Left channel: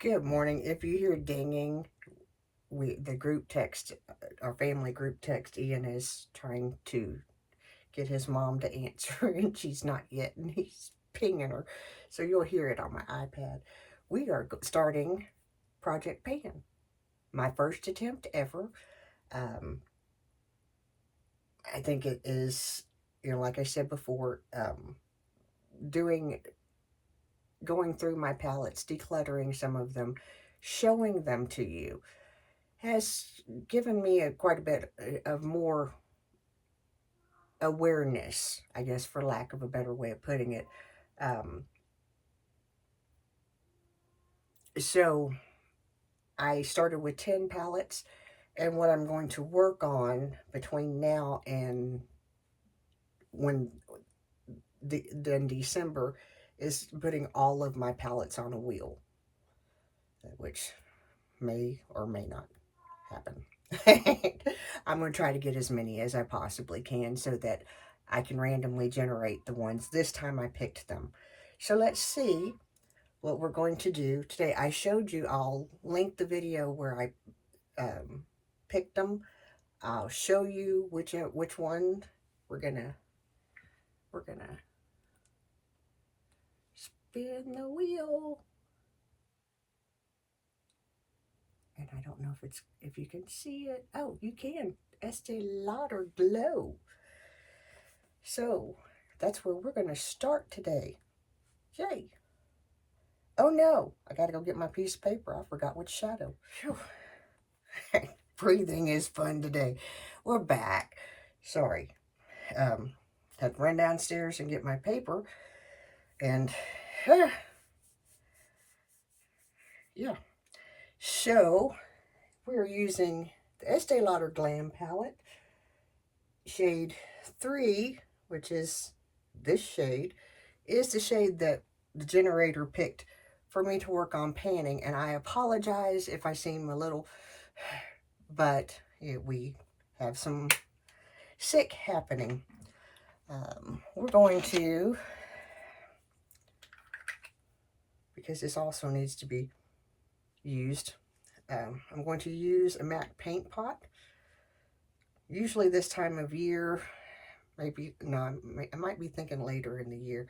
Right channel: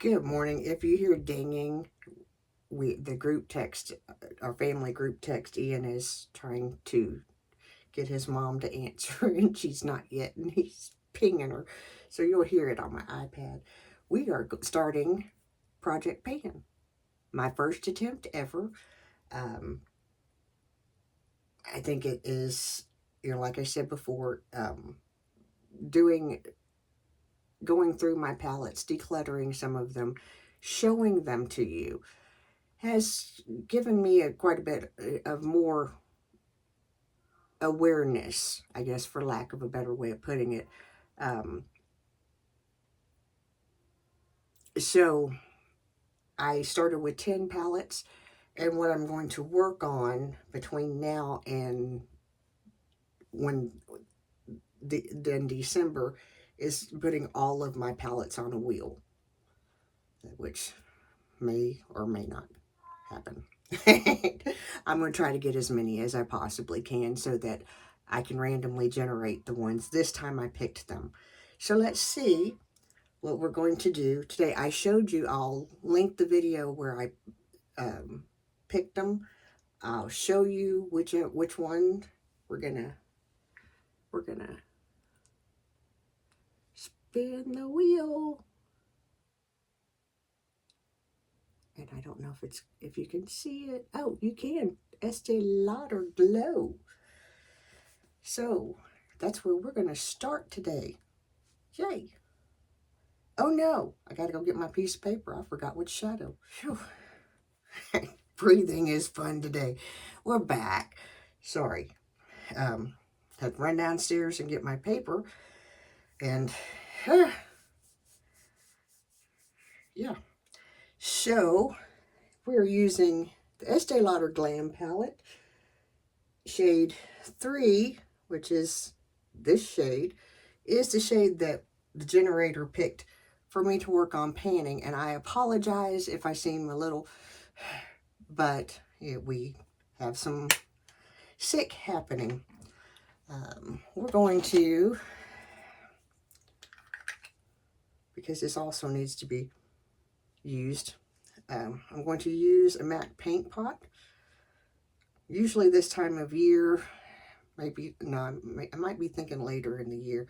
Good morning. If you hear dinging, the group text, our family group text, Ian is trying to get his mom to answer, and she's not yet, and he's pinging her. So you'll hear it on my iPad. We are starting Project Pan, my first attempt ever. Um, I think it is, like I said before, doing going through my palettes, decluttering some of them, showing them to you, has given me quite a bit of more awareness, I guess, for lack of a better way of putting it. Um, so I started with 10 palettes, and what I'm going to work on between now and when then December is putting all of my palettes on a wheel, which may or may not happen. I'm going to try to get as many as I possibly can so that I can randomly generate the ones. This time I picked them. So let's see what we're going to do today. I showed you, I'll link the video where I picked them. I'll show you which one we're gonna spin the wheel. And I don't know if you can see it. Oh, you can. Estee Lauder Glow. So that's where we're going to start today. Yay. Oh no, I got to go get my piece of paper. I forgot which shadow. Phew. Breathing is fun today. We're back. Sorry. Had to run downstairs and get my paper. And yeah. So we're using the Estee Lauder Glam Palette. Shade 3, which is this shade, is the shade that the generator picked for me to work on panning. And I apologize if I seem a little, but we have some sick happening. We're going to, because this also needs to be used, I'm going to use a MAC paint pot. Usually this time of year, maybe, no, I might be thinking later in the year.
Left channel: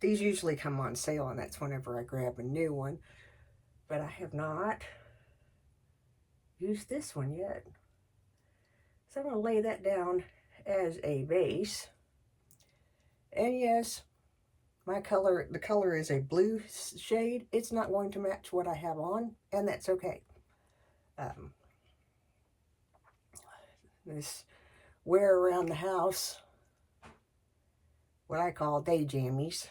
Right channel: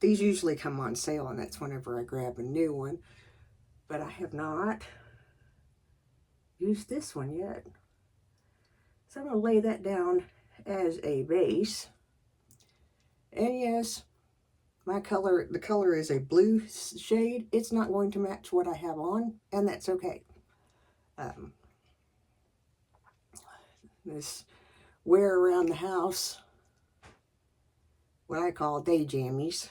These usually come on sale, and that's whenever I grab a new one. But I have not used this one yet. So I'm going to lay that down as a base. And yes, the color is a blue shade. It's not going to match what I have on, and that's okay. This wear around the house, what I call day jammies,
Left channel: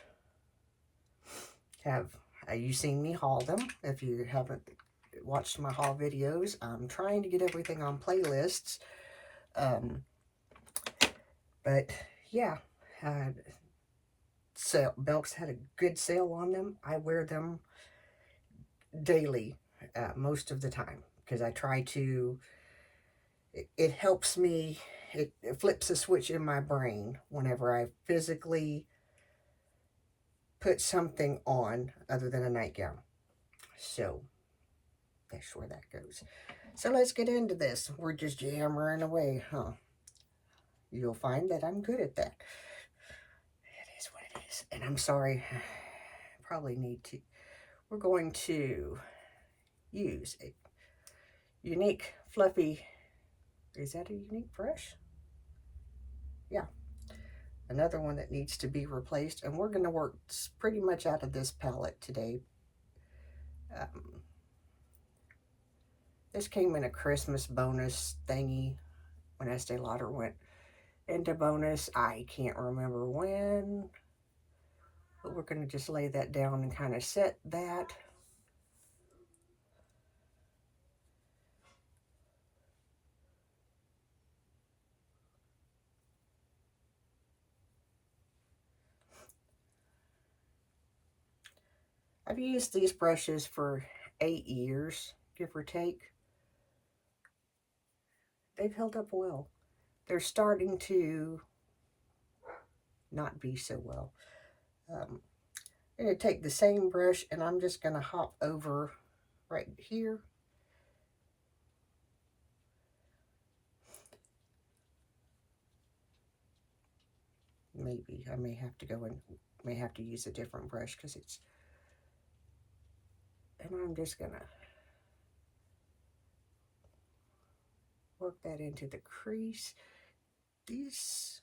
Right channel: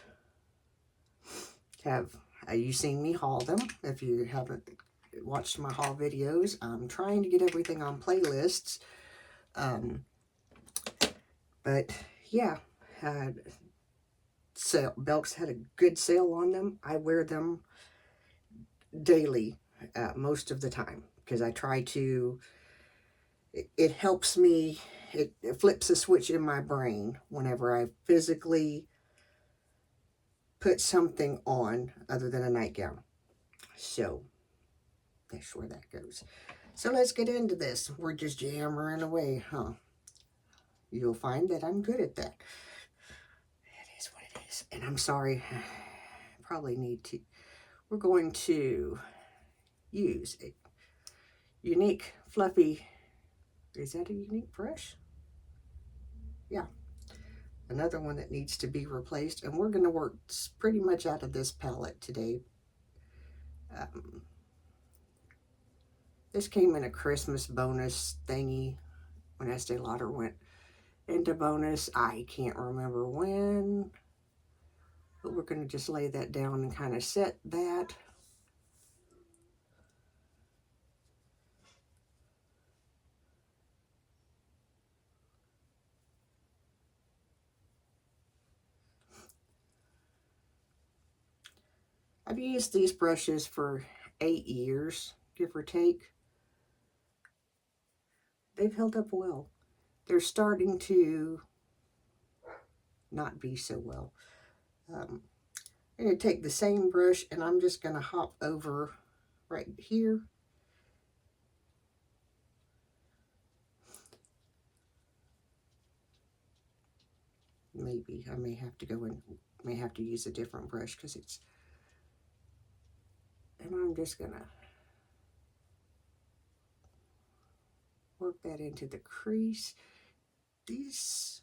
you've seen me haul them. If you haven't watched my haul videos, I'm trying to get everything on playlists. But yeah, Belk's had a good sale on them. I wear them daily, most of the time, because I try to, it helps me, it flips a switch in my brain whenever I physically put something on other than a nightgown. So that's where that goes. So let's get into this. We're just jammering away, huh? You'll find that I'm good at that. It is what it is. And I'm sorry, probably need to, we're going to use a unique fluffy, is that a unique brush? Yeah. Another one that needs to be replaced. And we're going to work pretty much out of this palette today. This came in a Christmas bonus thingy when Estee Lauder went into bonus. I can't remember when, but we're going to just lay that down and kind of set that. I've used these brushes for 8 years, give or take. They've held up well. They're starting to not be so well. I'm going to take the same brush and I'm just going to hop over right here. Maybe I may have to go in, may have to use a different brush because it's, and I'm just going to work that into the crease. These,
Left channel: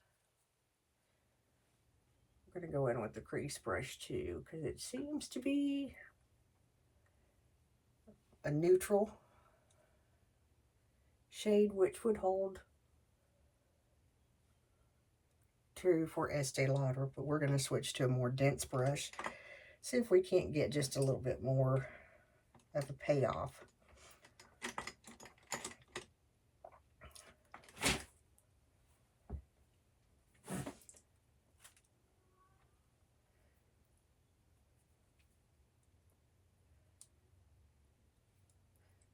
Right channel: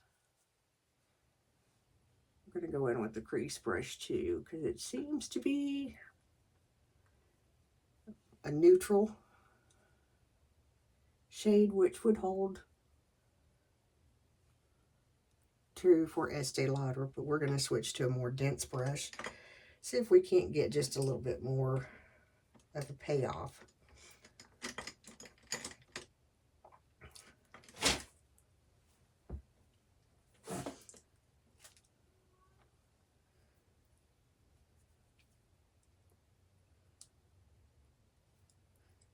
I'm going to go in with the crease brush too because it seems to be a neutral shade, which would hold true for Estee Lauder, but we're going to switch to a more dense brush. See if we can't get just a little bit more of a payoff.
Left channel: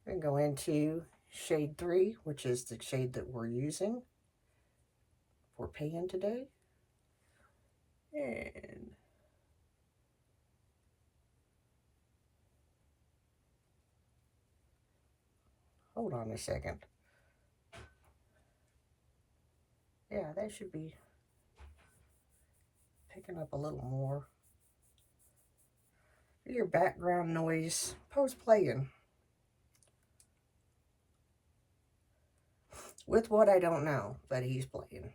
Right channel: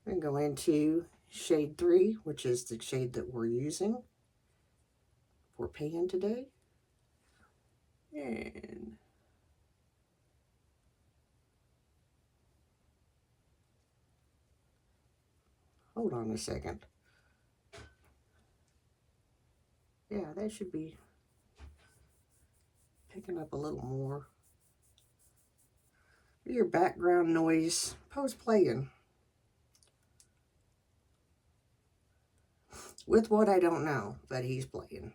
And go into shade 3, which is the shade that we're using for pan today. And hold on a second. Yeah, that should be picking up a little more. Your background noise, Poe's playing with what I don't know, but he's playing.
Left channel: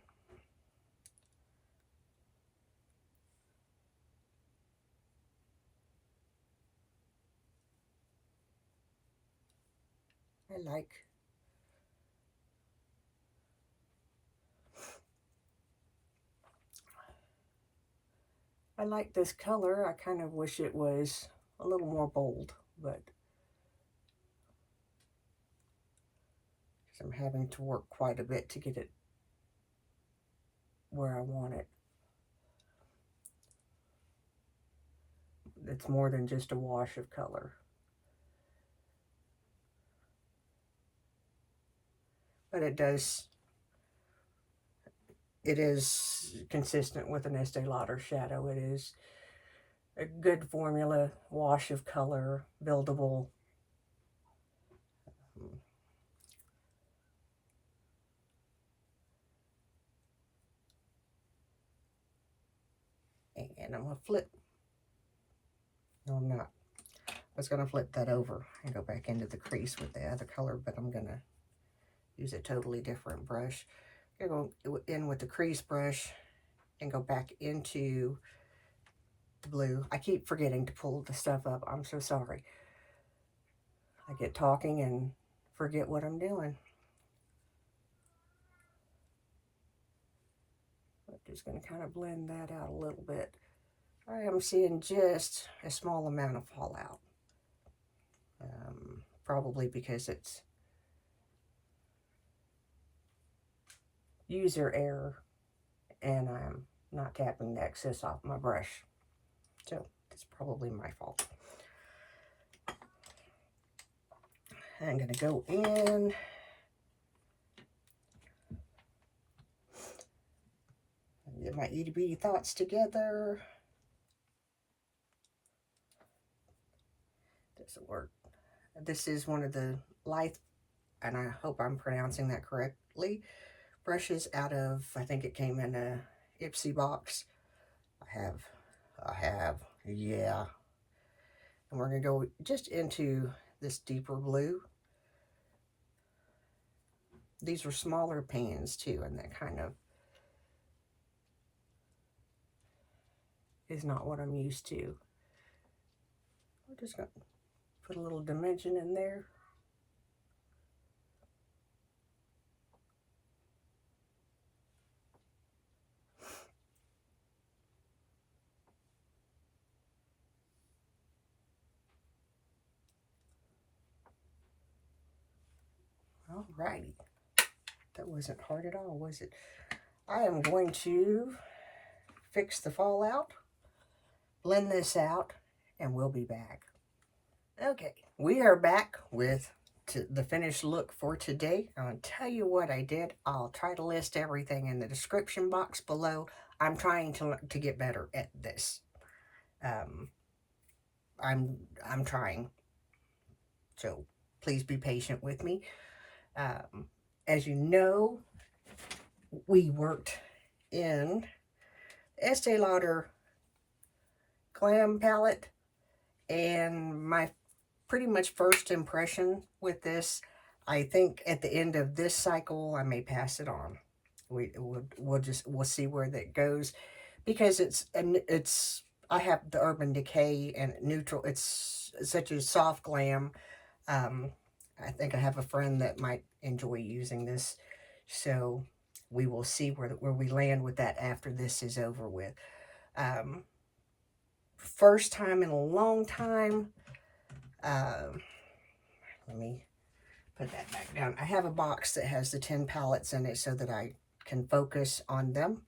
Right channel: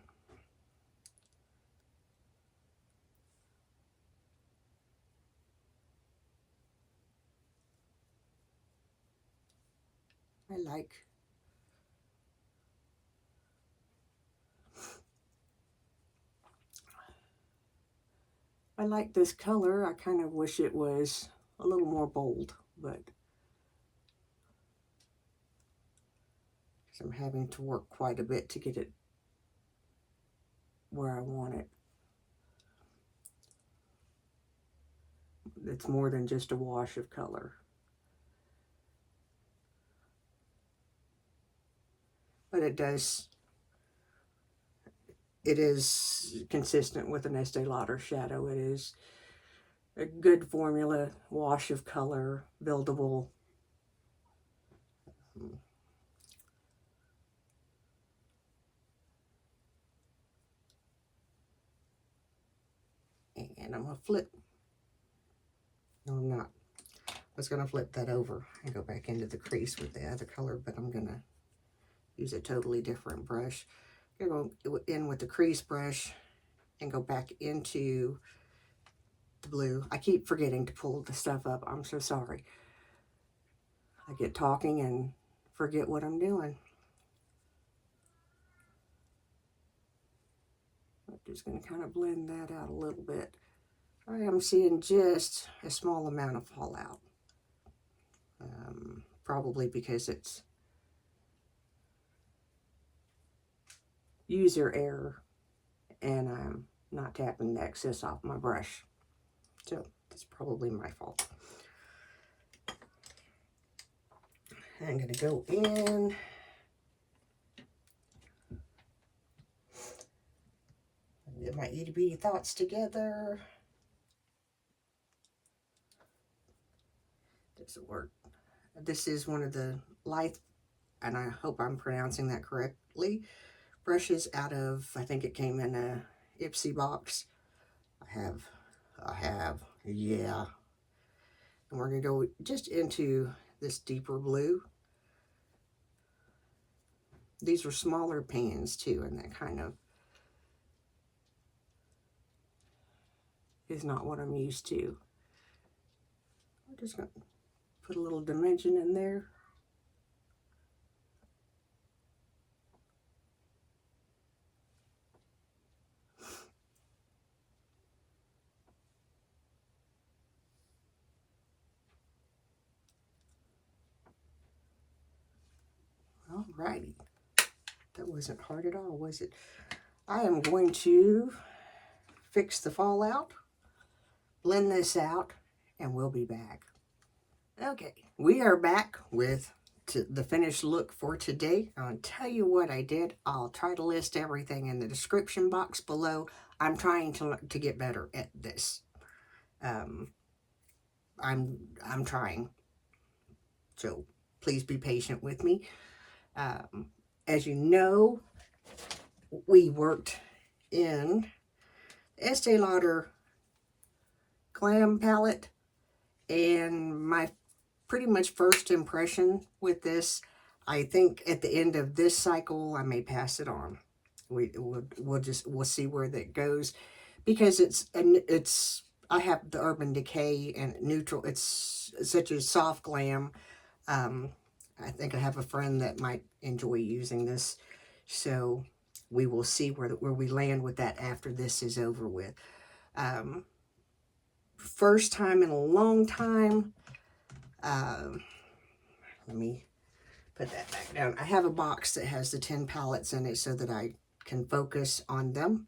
I like this color. I kind of wish it was a little more bold, but I'm having to work quite a bit to get it where I want it. It's more than just a wash of color. But it is consistent with an Estee Lauder shadow. It is a good formula, wash of color, buildable. And I'm going to flip. No, I'm not. I was going to flip that over and go back into the crease with the other color, but I'm going to use a totally different brush. I'm going to go in with the crease brush and go back into the blue. I keep forgetting to pull the stuff up. I'm so sorry. I get talking and forget what I'm doing. I'm just going to kind of blend that out a little bit. I am seeing just a small amount of fallout. Probably because it's user error and I'm not tapping the excess off my brush. So it's probably my fault. I'm going to go in. Get my itty bitty thoughts together. Doesn't work. This is one of the Lithe, and I hope I'm pronouncing that correctly, brushes out of, I think it came in a Ipsy box. I have, yeah. And we're going to go just into this deeper blue. These are smaller pans too, and that kind of is not what I'm used to. We're just going to put a little dimension in there. Alrighty. That wasn't hard at all, was it? I am going to fix the fallout, blend this out, and we'll be back. Okay, we are back with the finished look for today. I'll tell you what I did. I'll try to list everything in the description box below. I'm trying to get better at this. I'm trying. So please be patient with me. As you know, we worked in Estee Lauder Glam Palette, and my pretty much first impression with this, I think at the end of this cycle, I may pass it on. We'll see where that goes, because I have the Urban Decay and Neutral. It's such a soft glam. Um, I think I have a friend that might enjoy using this, so we will see where we land with that after this is over with. Um, First time in a long time. Let me put that back down. I have a box that has the 10 palettes in it so that I can focus on them.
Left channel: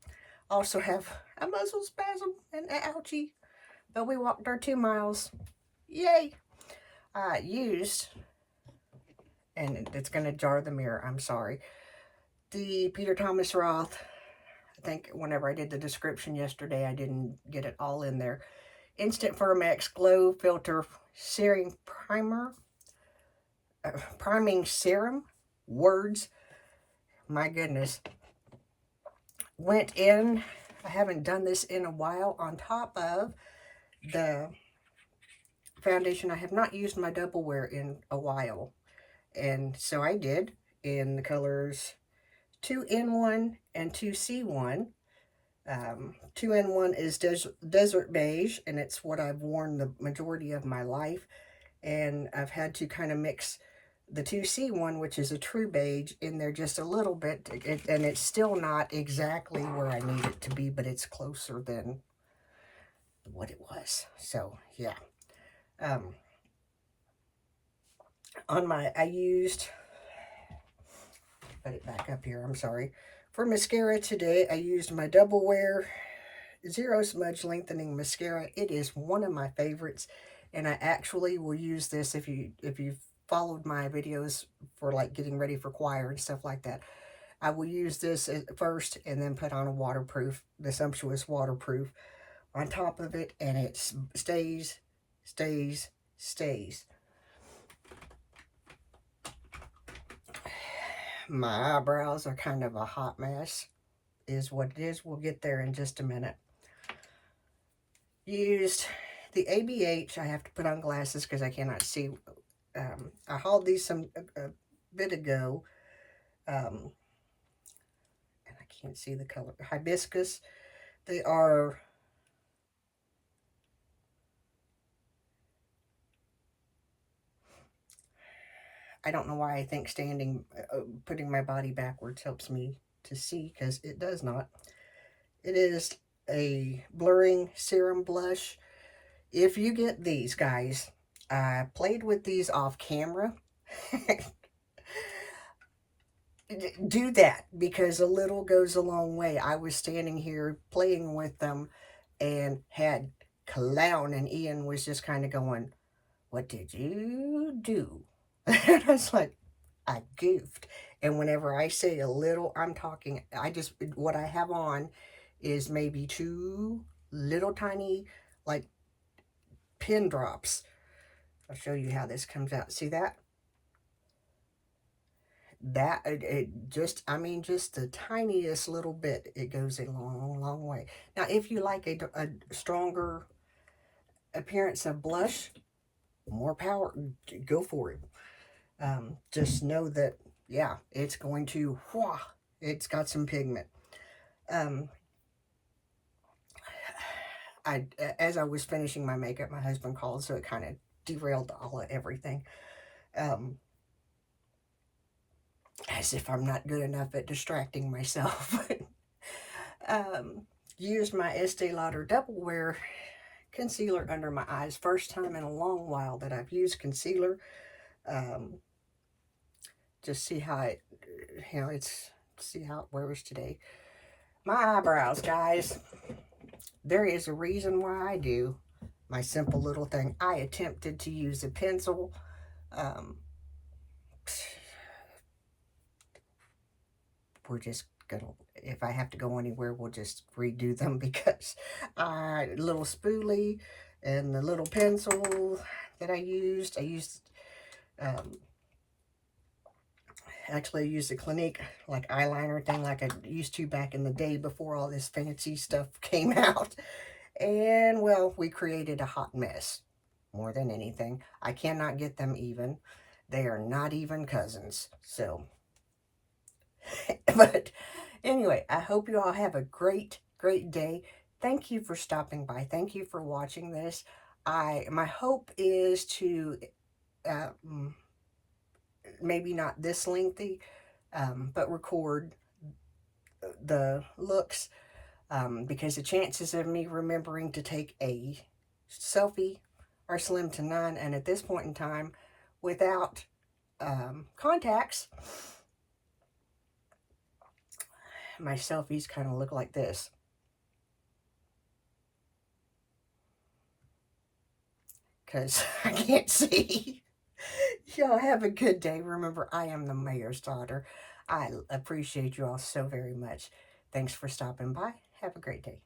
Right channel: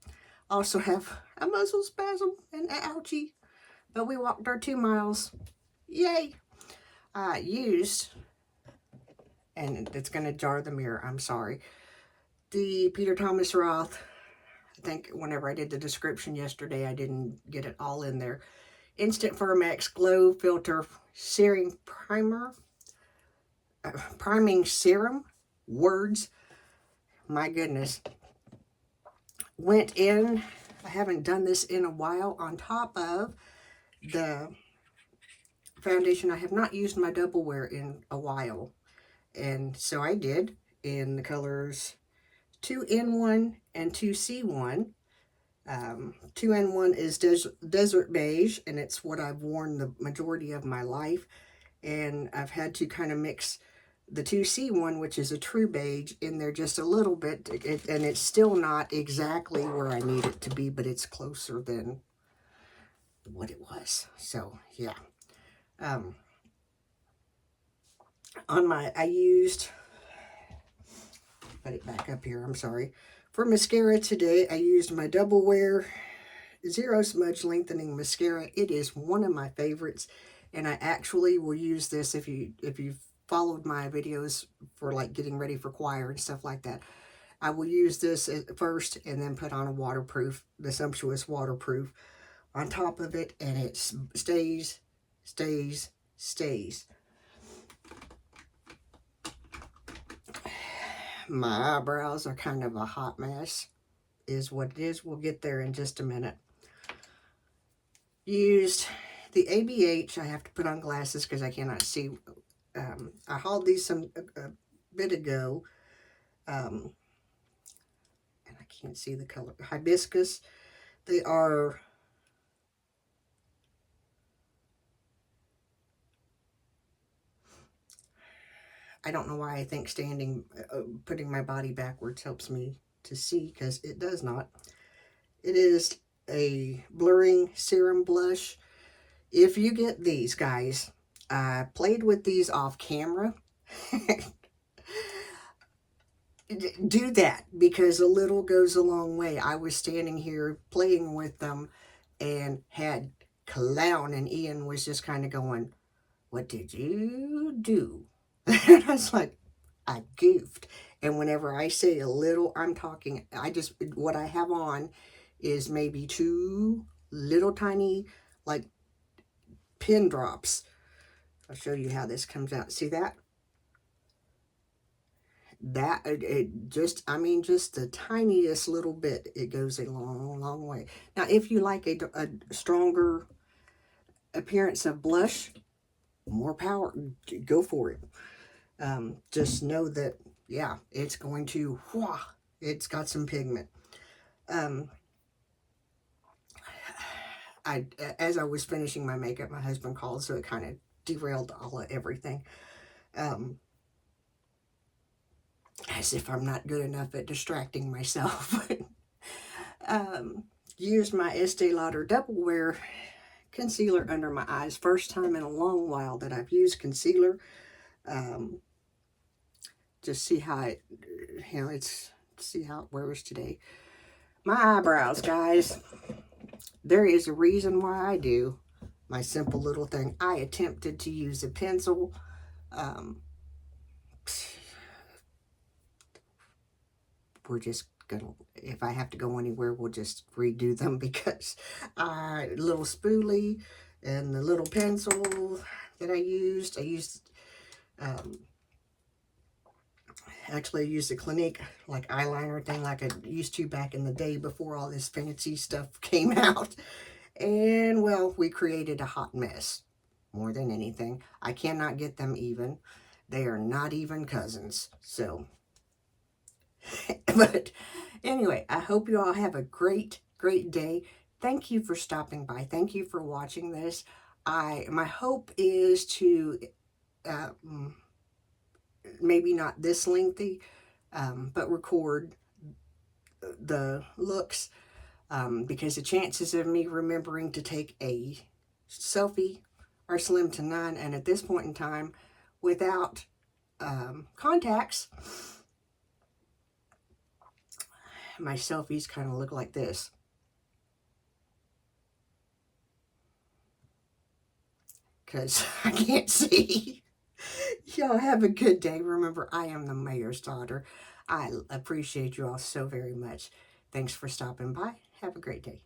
I also have a muscle spasm and an ouchie, but we walked our 2 miles. Yay! I used, and it's going to jar the mirror, I'm sorry, the Peter Thomas Roth. I think whenever I did the description yesterday, I didn't get it all in there. Instant FirmX Glow Filter Serum Primer. Priming Serum. Words. My goodness. Went in. I haven't done this in a while. On top of the foundation, I have not used my double wear in a while. And so I did in the colors 2N1 and 2C1. 2N1 is Desert Beige, and it's what I've worn the majority of my life. And I've had to kind of mix the 2C1, which is a true beige, in there just a little bit. And it's still not exactly where I need it to be, but it's closer than what it was. So, yeah. I used, put it back up here, I'm sorry. For mascara today, I used my Double Wear Zero Smudge Lengthening Mascara. It is one of my favorites, and I actually will use this if you've followed my videos for like getting ready for choir and stuff like that. I will use this first and then put on a waterproof, the Sumptuous Waterproof on top of it, and it stays. My eyebrows are kind of a hot mess, is what it is. We'll get there in just a minute. Used the ABH. I have to put on glasses because I cannot see. I hauled these a bit ago. And I can't see the color. Hibiscus. They are... I don't know why I think putting my body backwards helps me to see, because it does not. It is a blurring serum blush. If you get these, guys, I played with these off camera. Do that, because a little goes a long way. I was standing here playing with them and had Clown, and Ian was just kind of going, "What did you do?" And I was like, I goofed. And whenever I say a little, I'm talking, what I have on is maybe 2 little tiny, like, pin drops. I'll show you how this comes out. See that? Just the tiniest little bit. It goes a long, long way. Now, if you like a stronger appearance of blush, more power, go for it. Just know that, yeah, it's going to, it's got some pigment. As I was finishing my makeup, my husband called, so it kind of derailed all of everything. As if I'm not good enough at distracting myself. Used my Estee Lauder Double Wear concealer under my eyes. First time in a long while that I've used concealer. Just see how it, see how it wears today. My eyebrows, guys. There is a reason why I do my simple little thing. I attempted to use a pencil. We're just gonna, if I have to go anywhere, we'll just redo them, because a little spoolie, And the little pencil that I used actually I used a Clinique like eyeliner thing like I used to back in the day before all this fancy stuff came out. And well, we created a hot mess more than anything. I cannot get them even. They are not even cousins. So, but anyway, I hope you all have a great, great day. Thank you for stopping by. Thank you for watching this. My hope is to maybe not this lengthy, but record the looks, because the chances of me remembering to take a selfie are slim to none. And at this point in time, without contacts, my selfies kind of look like this. Because I can't see. Y'all have a good day. Remember, I am the mayor's daughter. I appreciate you all so very much. Thanks for stopping by. Have a great day.